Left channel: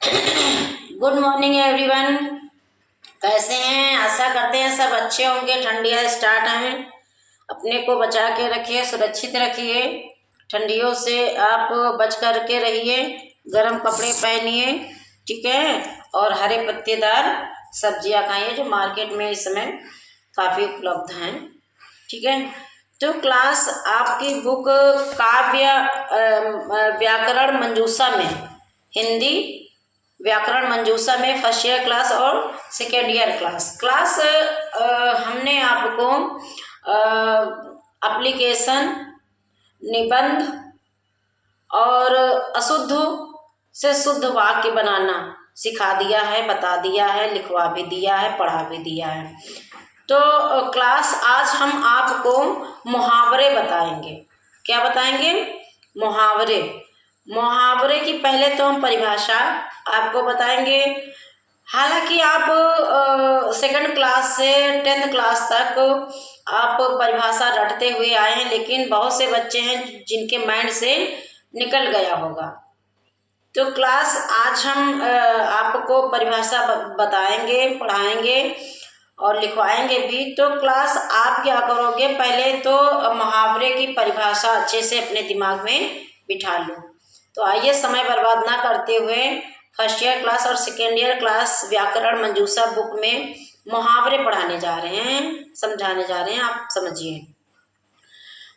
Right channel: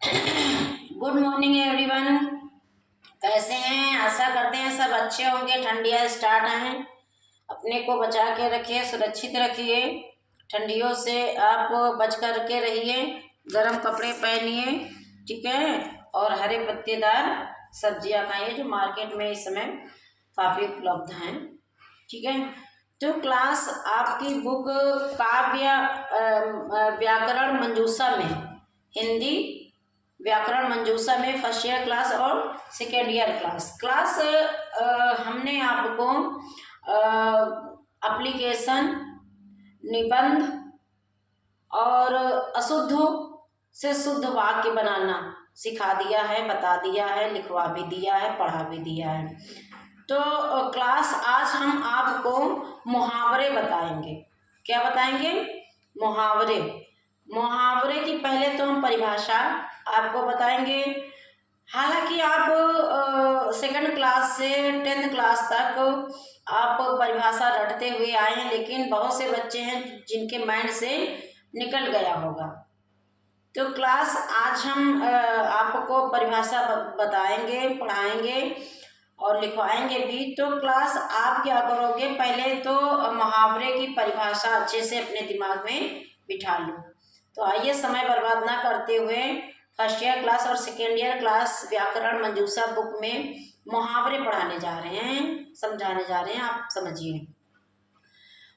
Good morning everyone. कैसे हैं? आशा करते हैं सब अच्छे होंगे। ठंडियाँ स्टार्ट हैं, अपने को बचा के रखिए, सुरक्षित रखिए। ठंडियों से आप बच कर के रहिए, गर्म कपड़े पहनिए, ठीक है। और हरे पत्तेदार सब्जियां खाइए जो मार्केट में इस समय काफ़ी उपलब्ध हैं, ठीक है। तो क्लास आपकी बुक काव्य व्याकरण मंजूषा में, हिंदी व्याकरण मंजूषा में फर्स्ट ईयर क्लास और सेकेंड ईयर क्लास हमने आपको एप्लीकेशन, निबंध और अशुद्ध से शुद्ध वाक्य बनाना सिखा दिया है, बता दिया है, लिखवा भी दिया है, पढ़ा भी दिया है। तो क्लास आज हम आपको मुहावरे बताएंगे। क्या बताएंगे? मुहावरे। मुहावरे की पहले तो हम परिभाषा आपको बताएंगे। हालांकि आप सेकंड क्लास से 10th क्लास तक आप परिभाषा रटते हुए आए हैं, लेकिन बहुत से बच्चे हैं जिनके माइंड से निकल गया होगा। तो क्लास आज हम आपको परिभाषा बताएंगे, पढ़ाएंगे और लिखवाएंगे भी। तो क्लास आप क्या करोगे, पहले तो मुहावरे की परिभाषा अच्छे से अपने दिमाग में बिठा लो। तो आइए समय बर्बाद ना करते हुए फर्स्ट ईयर क्लास और सेकेंड ईयर क्लास व्याकरण मंजूषा बुक में मुहावरे पढ़ाने जा रहे हैं, समझाने जा रहे हैं। आप समझिए।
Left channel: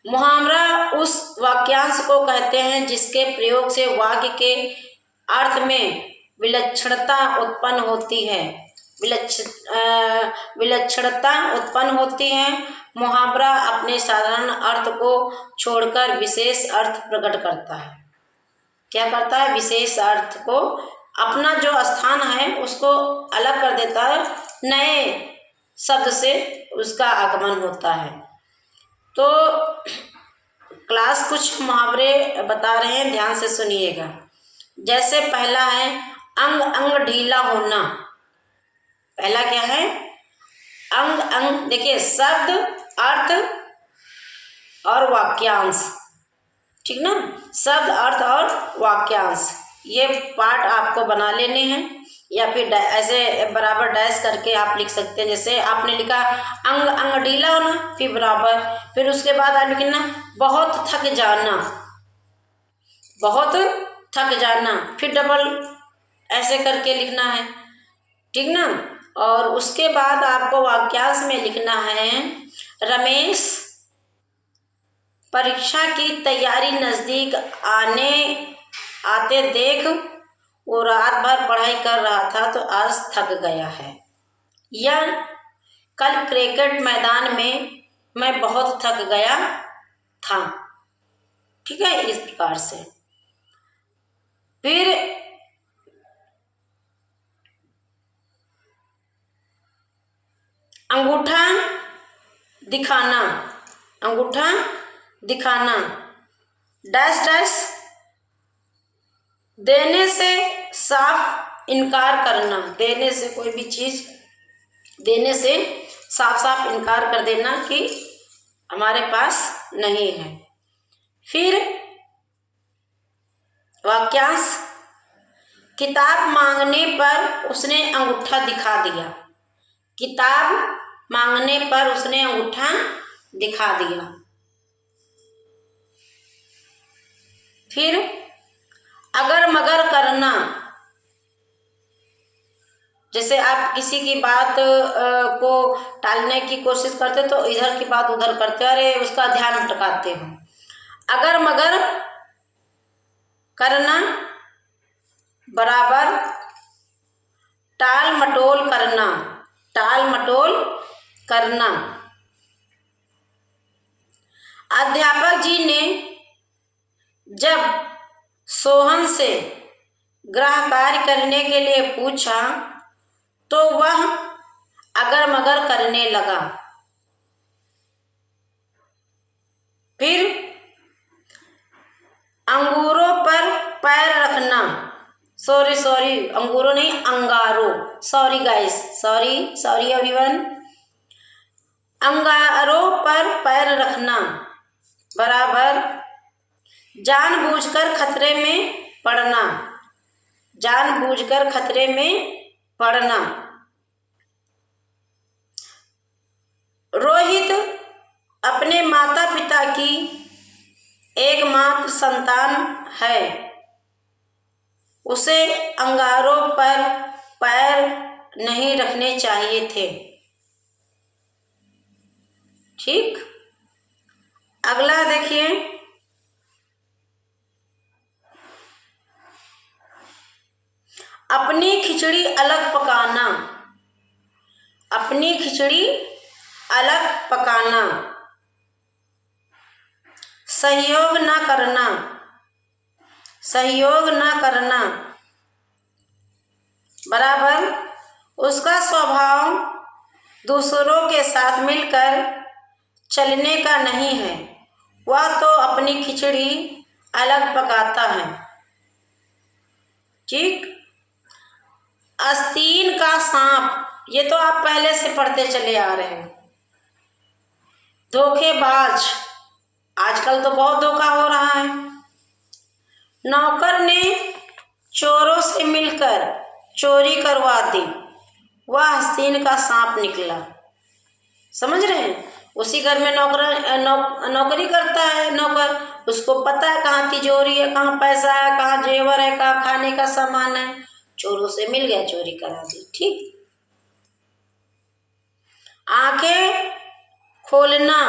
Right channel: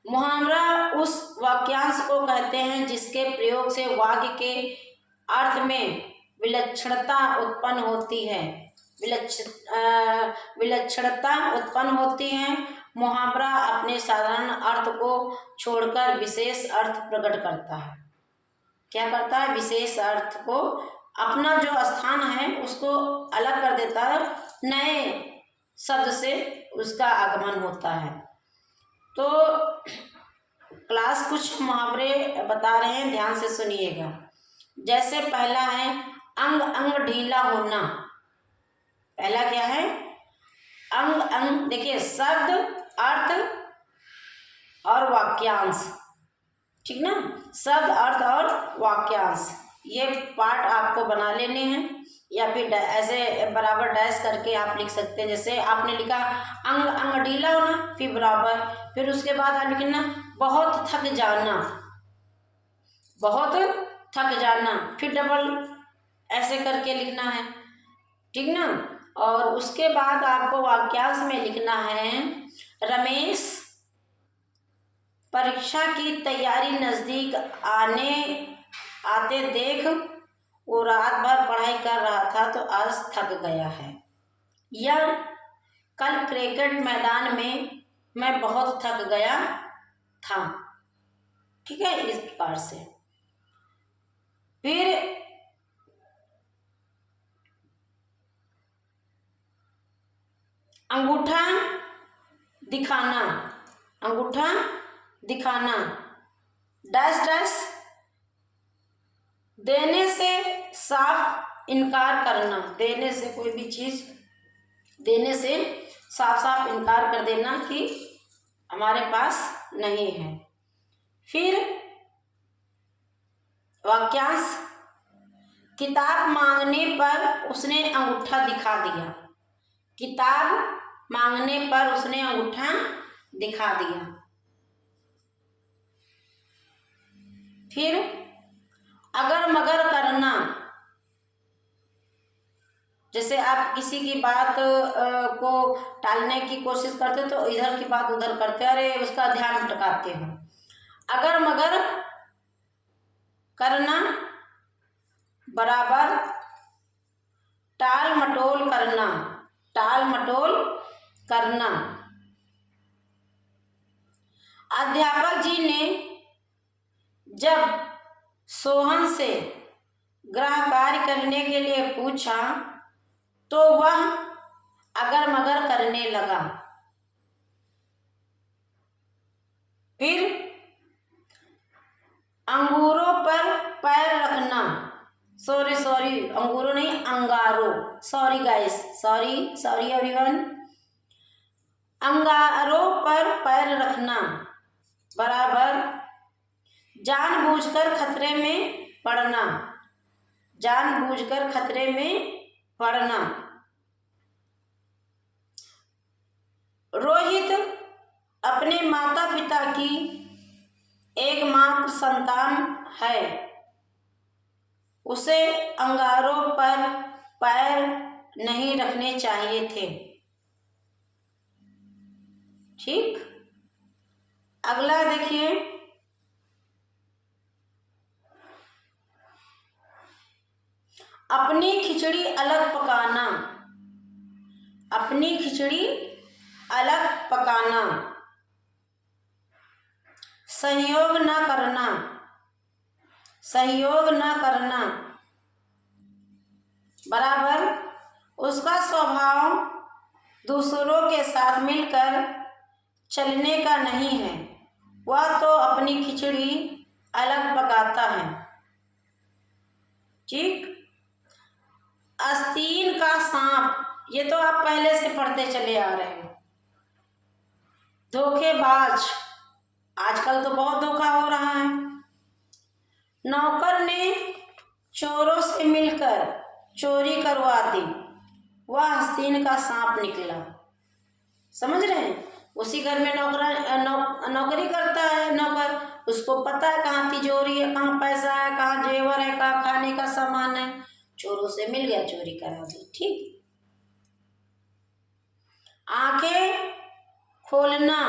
मुहावरा उस वाक्यांश को कहते हैं जिसके प्रयोग से वाक्य के अर्थ में विलक्षणता उत्पन्न होती है। विलक्षणता उत्पन्न होती है। मुहावरा अपने साधारण अर्थ को छोड़कर विशेष अर्थ प्रकट करता है। क्या करता है? विशेष अर्थ को, अपना जो स्थान है उसको अलग कर देता है, नए शब्द से उसका आगमन होता है। तो क्लास कुछ मुहावरे बता रहे हैं, ध्यान से सुनिएगा। जैसे पहला है अंग अंग ढीला होना। पहला क्या है? अंग अंग। देखिए, शब्द, अर्थ और वाक्यांश, ठीक ना। शब्द, अर्थ और वाक्यांश, ये पार्ट आपको बना लेने हैं, या फिर ऐसे बराबर डैश करके आप लिख सकते हैं। जैसे आपने लिखा अंग अंग ढीला होना, फिर बराबर, फिर उसके बाद आप लिखना बहुत थक जाना, बहुत थक जाना, फिर डबल ऐसे करके लिखना है, ठीक ना। और उसके बाद आपको वाक्यांश में लिखना है रमेश परीक्षा की तैयारी नज़दीक आते देख वो रात भर पढ़ाई कर रहा था तो आज थक गया है। या कल क्रिकेट मैदान में मैं बहुत थक गया था, ठीक है, इस प्रकार से। फिर अंगूठा दिखाना, अंगूठा दिखाना, डैश डैश देने से साफ इनकार करना। देने से, कोई भी चीज़ देने से साफ साफ इनकार कर देना कि हमारे पास नहीं है। फिर वाक्यांश किताब मांगने पर उसने अंगूठा दिखा दिया। किताब मांगने पर उसने अंगूठा दिखा दिया। फिर अगर मगर करना। जैसे आप किसी की बात को टालने की कोशिश करते तो इधर की बात उधर करते, अरे उसका ध्यान भटकाते हो। अगर मगर करना बराबर टाल मटोल करना, टाल मटोल करना। अध्यापक जी ने जब सोहन से गृह कार्य करने के लिए पूछा तो वह अगर मगर करने लगा। फिर अंगूरों पर पैर रखना, सॉरी अंगूरों नहीं, अंगारों, सॉरी गाइस, सॉरी एवरीवन। अंगारों पर पैर रखना बराबर जानबूझकर खतरे में पड़ना। जानबूझकर खतरे में पड़ना। रोहित अपने माता पिता की एकमात्र संतान है। उसे अंगारों पर पैर नहीं रखने चाहिए थे। ठीक, अगला देखिए। अपनी खिचड़ी अलग पकाना। अपनी खिचड़ी अलग पकाना। सहयोग न करना। सहयोग न करना। बराबर उसका स्वभाव दूसरों के साथ मिलकर चलने का नहीं है। वह तो अपनी खिचड़ी अलग पकाता है। ठीक, आस्तीन का सांप, ये तो आप पहले से पढ़ते चले आ रहे हैं। धोखेबाज, आजकल तो बहुत धोखा हो रहा है। नौकर ने चोरों से मिलकर चोरी करवा दी, वह आस्तीन का सांप निकला। समझ रहे हैं? उसी घर में नौकरी करता है नौकर, उसको पता है कहाँ तिजोरी है, कहाँ पैसा है, कहाँ जेवर है, कहाँ खाने का सामान है। चोरों से मिल गया, चोरी करा दी। ठीक, आंखें खोलना।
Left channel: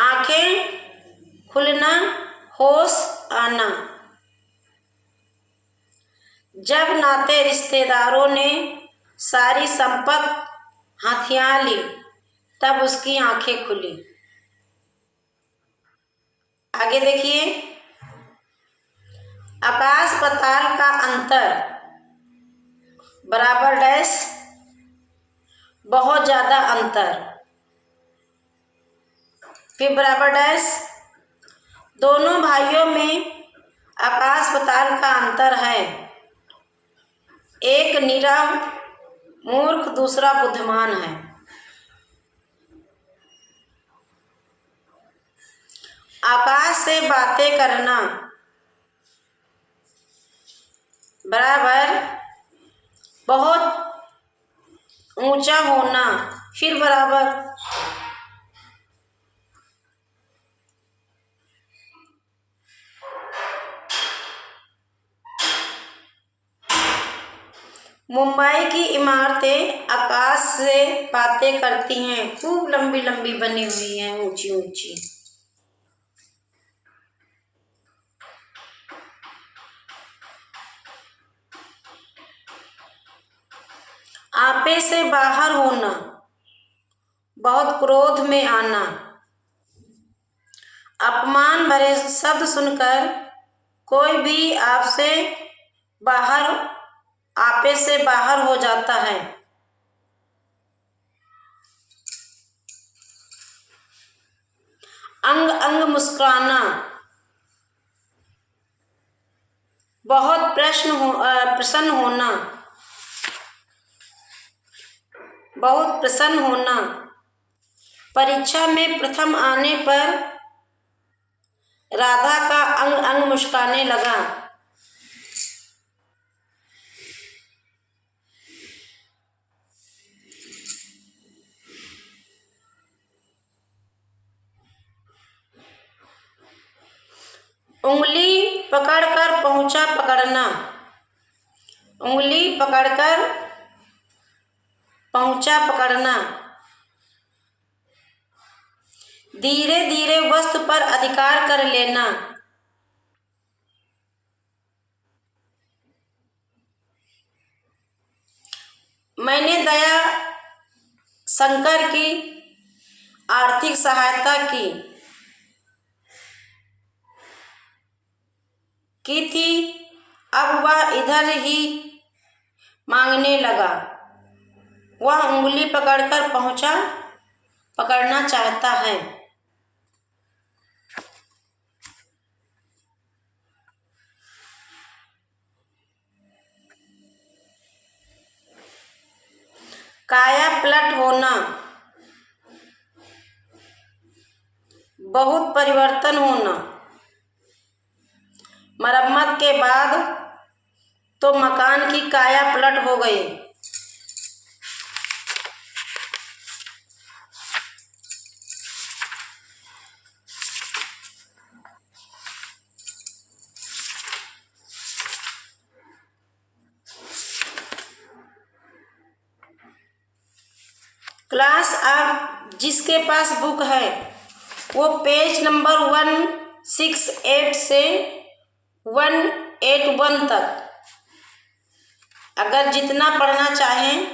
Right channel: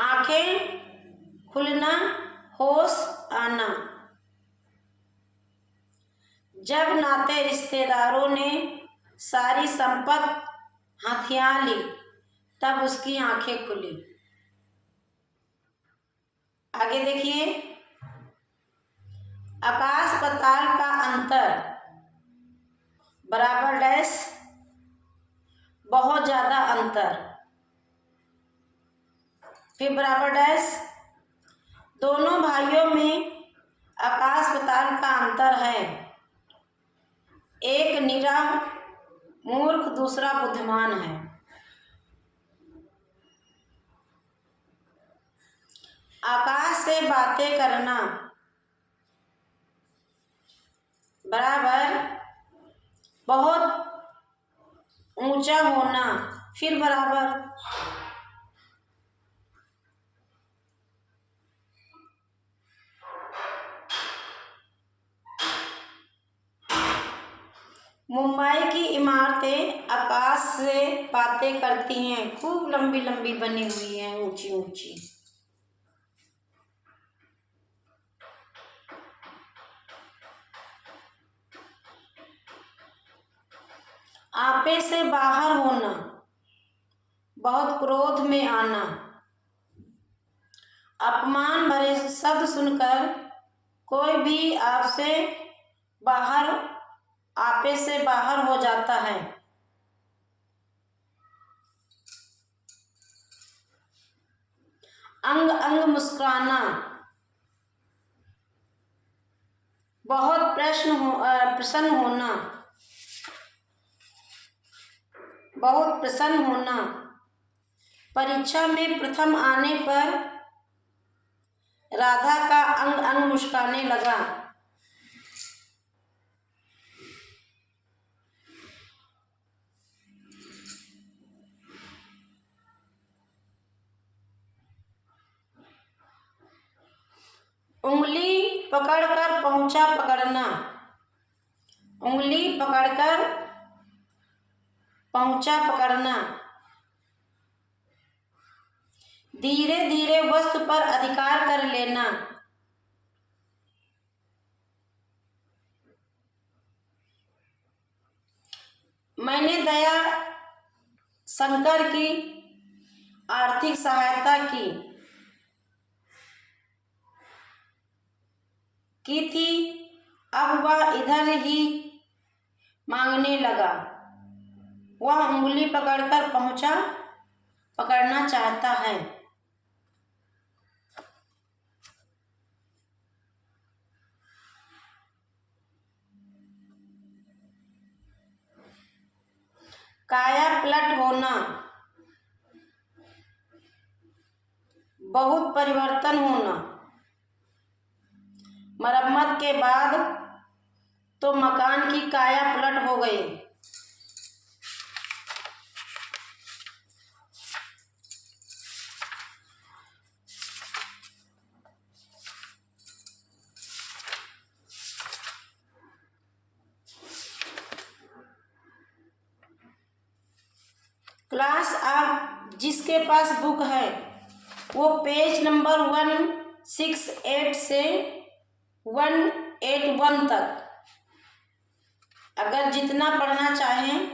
आंखें खुलना, होश आना। जब नाते रिश्तेदारों ने सारी संपत्ति हथिया ली, तब उसकी आंखें खुली। आगे देखिए। आकाश पाताल का अंतर बराबर डैश बहुत ज्यादा अंतर। फिर बराबर डैश दोनों भाइयों में आकाश पाताल का अंतर है। एक निरा मूर्ख, दूसरा बुद्धिमान है। आकाश से बातें करना बराबर बहुत ऊंचा होना। फिर बराबर मुंबई की इमारतें आकाश से बातें करती हैं, खूब लंबी लंबी बनी हुई हैं, ऊंची ऊंची। आपे से बाहर होना, बहुत क्रोध में आना। अपमान भरे शब्द सुनकर कोई भी आपे से बाहर हो जाता है। अंग अंग मुस्कुराना, बहुत प्रसन्न होना। बहुत प्रसन्न होना। परीक्षा में प्रथम आने पर राधा का अंग अंग मुस्कुराने लगा। उंगली पकड़कर पहुंचा पकड़ना। उंगली पकड़कर पहुंचा पकड़ना। धीरे धीरे वस्तु पर अधिकार कर लेना। मैंने दया शंकर की आर्थिक सहायता की थी, अब वह इधर ही मांगने लगा। वह उंगली पकड़कर पकड़ना चाहता है। काया पलट होना, बहुत परिवर्तन होना। मरम्मत के बाद तो मकान की काया पलट हो गई। क्लास, आप जिसके पास बुक है वो पेज नंबर 168 से 181 तक अगर जितना पढ़ना चाहें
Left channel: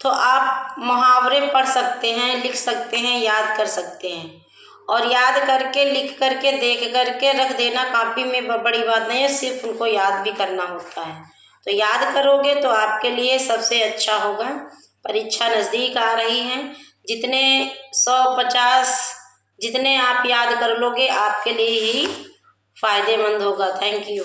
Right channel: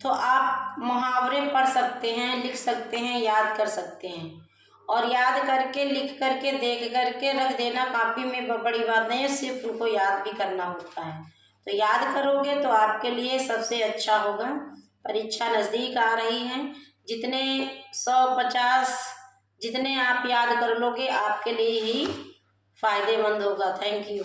तो आप मुहावरे पढ़ सकते हैं, लिख सकते हैं, याद कर सकते हैं। और याद करके, लिख करके, देख करके रख देना कॉपी में बड़ी बात नहीं है, सिर्फ उनको याद भी करना होता है। तो याद करोगे तो आपके लिए सबसे अच्छा होगा। परीक्षा नज़दीक आ रही है, जितने 150 जितने आप याद कर लोगे आपके लिए ही फायदेमंद होगा। Thank you.